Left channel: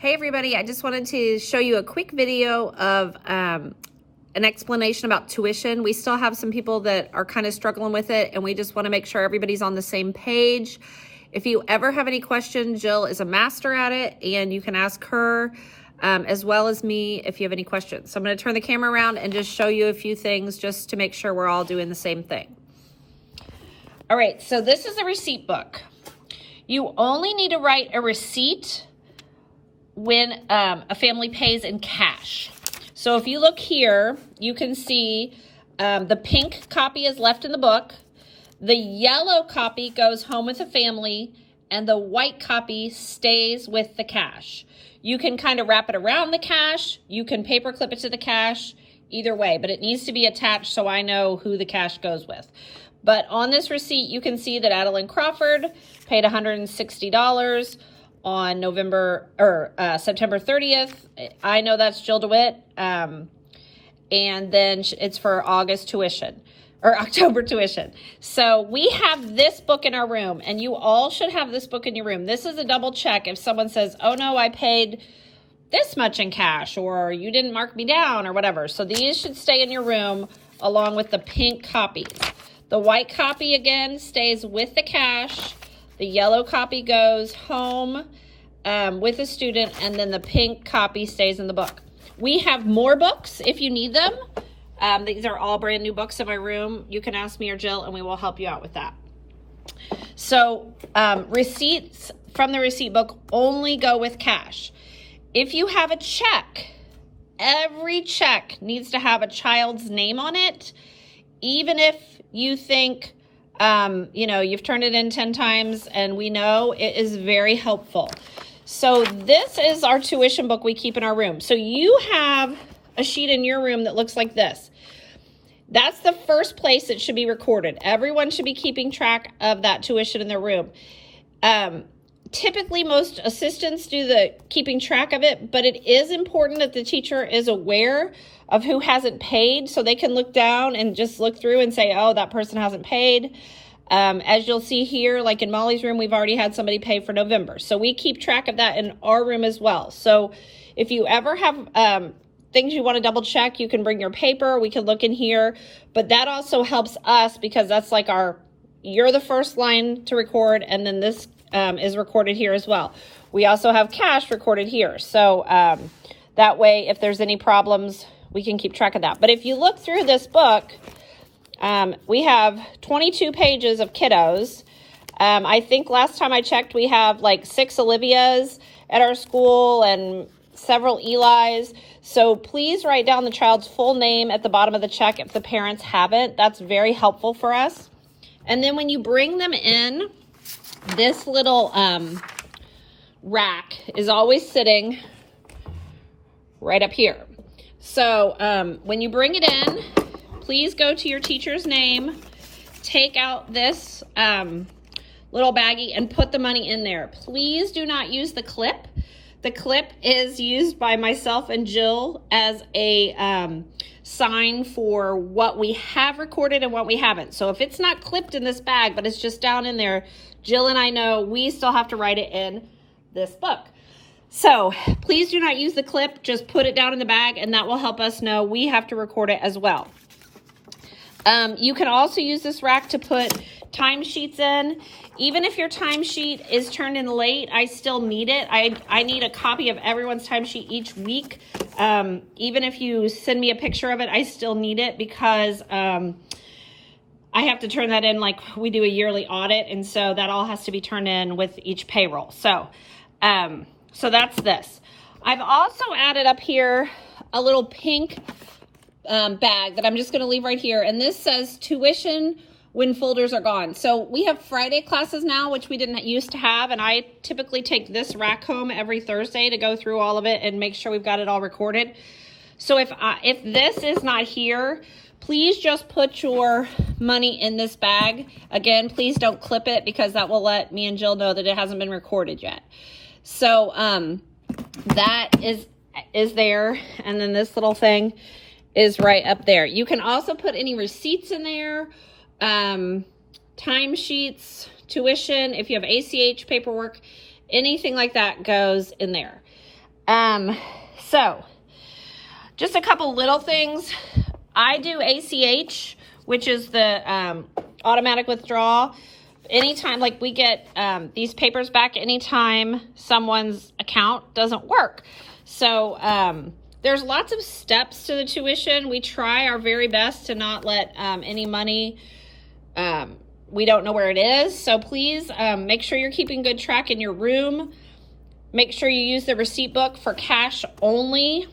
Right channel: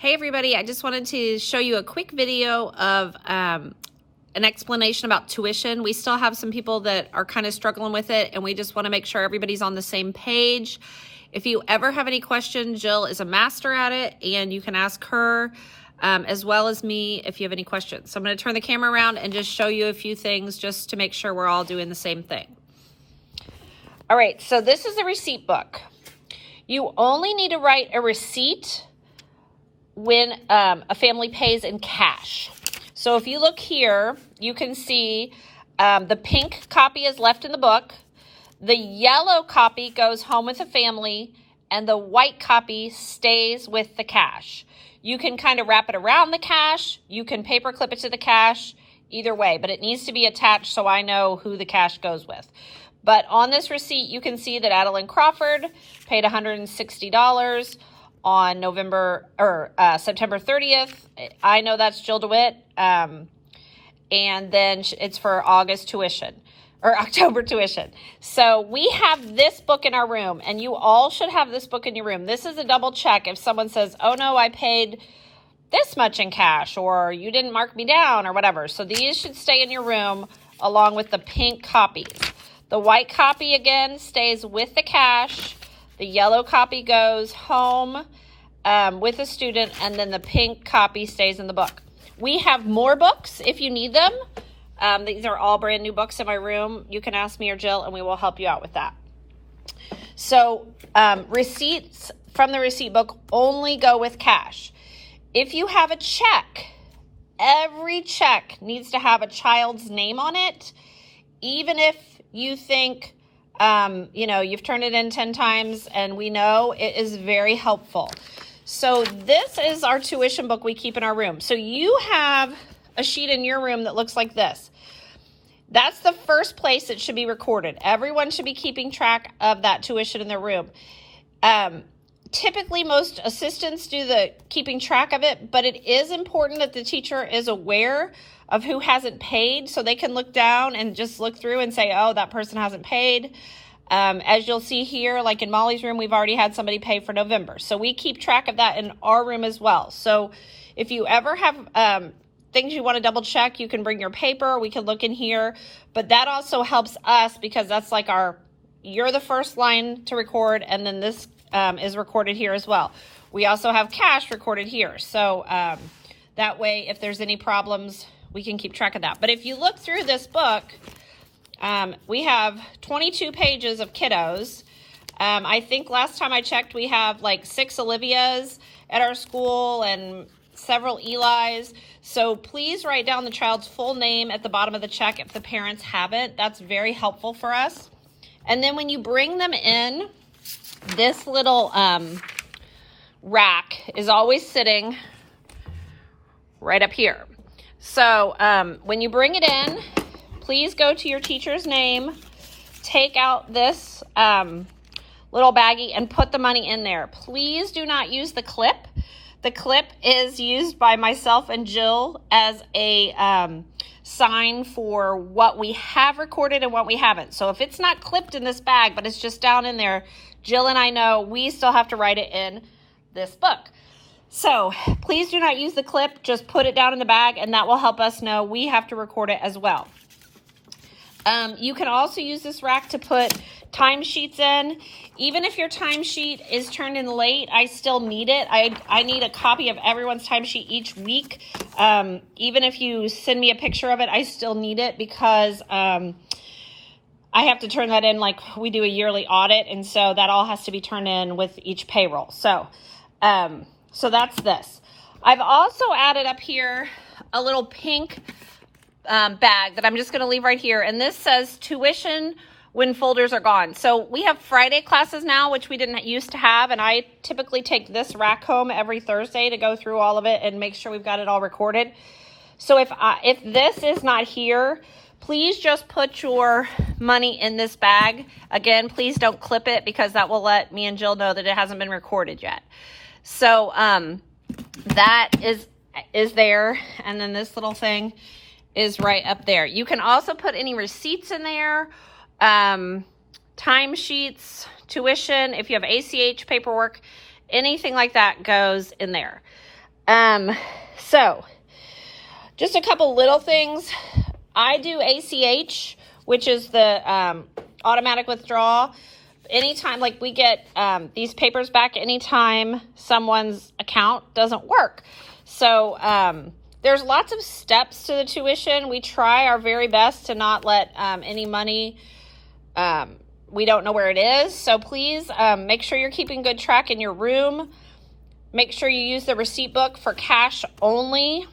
Hey everybody, I just wanted to show you a quick video of an explanation about tuition. We still have some people that are kind of struggling with it, and we just want to make sure everybody's on the same page. If you ever have any questions, Jill is a master at it, and you can ask her as well as me if you have any questions. So I'm going to turn the camera around and just show you a few things just to make sure we're all doing the same thing. All right, so this is a receipt book. You only need to write a receipt when a family pays in cash. So if you look here, you can see the pink copy is left in the book, the yellow copy goes home with the family, and the white copy stays with the cash. You can kind of wrap it around the cash, you can paper clip it to the cash, either way, but it needs to be attached so I know who the cash goes with. But on this receipt, you can see that Adeline Crawford paid $160 on September 30th. I know that's Jill DeWitt. And then it's for August tuition or October tuition. So we have this book in our room, and you all should have this book in your room. This is a double check if someone says, oh no, I paid this much in cash, or you didn't mark me down, or whatever. So these should stay in your room along with the pink copies. The white copy, again, stays with the cash. The yellow copy goes home with the student, and then the pink copy stays in the book. We have more books if you need them. These are all brand new books in my room. You can ask me or Jill, and we will help you out with that. So receipts from the receipt book only go with cash. If you have a check, every check needs to have a child's name on it, even if you think you've turned it in 10 times, and we know it is very helpful. So this is our tuition book we keep in our room. So you have a sheet in your room that looks like this. That's the first place it should be recorded. Everyone should be keeping track of that tuition in their room. Typically, most assistants do the keeping track of it, but it is important that the teacher is aware of who hasn't paid, so they can look down and just look through and say, oh, that person hasn't paid. As you'll see here, like in Molly's room, we've already had somebody pay for November. So we keep track of that in our room as well. So if you ever have things you want to double check, you can bring your paper. We can look in here. But that also helps us because that's like you're the first line to record, and then this is recorded here as well. We also have cash recorded here. So that way, if there's any problems, we can keep track of that. But if you look through this book, we have 22 pages of kiddos. I think last time I checked, we have like 6 Olivias at our school and several Eli's. So please write down the child's full name at the bottom of the check if the parents haven't. That's very helpful for us. And then when you bring them in, this little rack is always sitting right up here. So when you bring it in, please go to your teacher's name, take out this little baggie and put the money in there. Please do not use the clip. The clip is used by myself and Jill as a sign for what we have recorded and what we haven't. So if it's not clipped in this bag, but it's just down in there, Jill and I know we still have to write it in this book. So please do not use the clip, just put it down in the bag, and that will help us know we have to record it as well. You can also use this rack to put timesheets in. Even if your timesheet is turned in late, I still need it. I need a copy of everyone's timesheet each week. Even if you send me a picture of it, I still need it because I have to turn that in like we do a yearly audit, and so that all has to be turned in with each payroll. So that's this. I've also added up here a little pink bag that I'm just going to leave right here, and this says tuition when folders are gone. So we have Friday classes now, which we didn't used to have, and I typically take this rack home every Thursday to go through all of it and make sure we've got it all recorded. So if this is not here, please just put your money in this bag. Again, please don't clip it because that will let me and Jill know that it hasn't been recorded yet. So that is there, and then this little thing is right up there. You can also put any receipts in there, timesheets, tuition, if you have ACH paperwork, anything like that goes in there. So just a couple little things. I do ACH, which is the automatic withdrawal. Anytime, like we get these papers back anytime someone's account doesn't work. So there's lots of steps to the tuition. We try our very best to not let any money, we don't know where it is. So please make sure you're keeping good track in your room. Make sure you use the receipt book for cash only.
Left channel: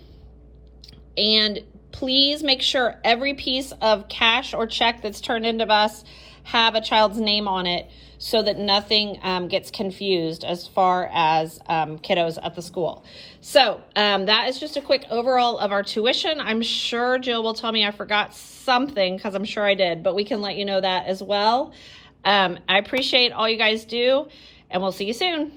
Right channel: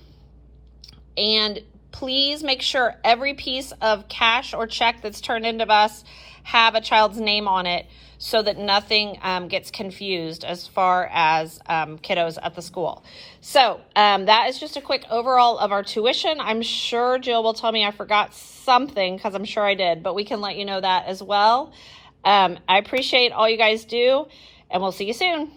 And please make sure every piece of cash or check that's turned into us have a child's name on it so that nothing gets confused as far as kiddos at the school. So that is just a quick overall of our tuition. I'm sure Jill will tell me I forgot something because I'm sure I did, but we can let you know that as well. I appreciate all you guys do, and we'll see you soon.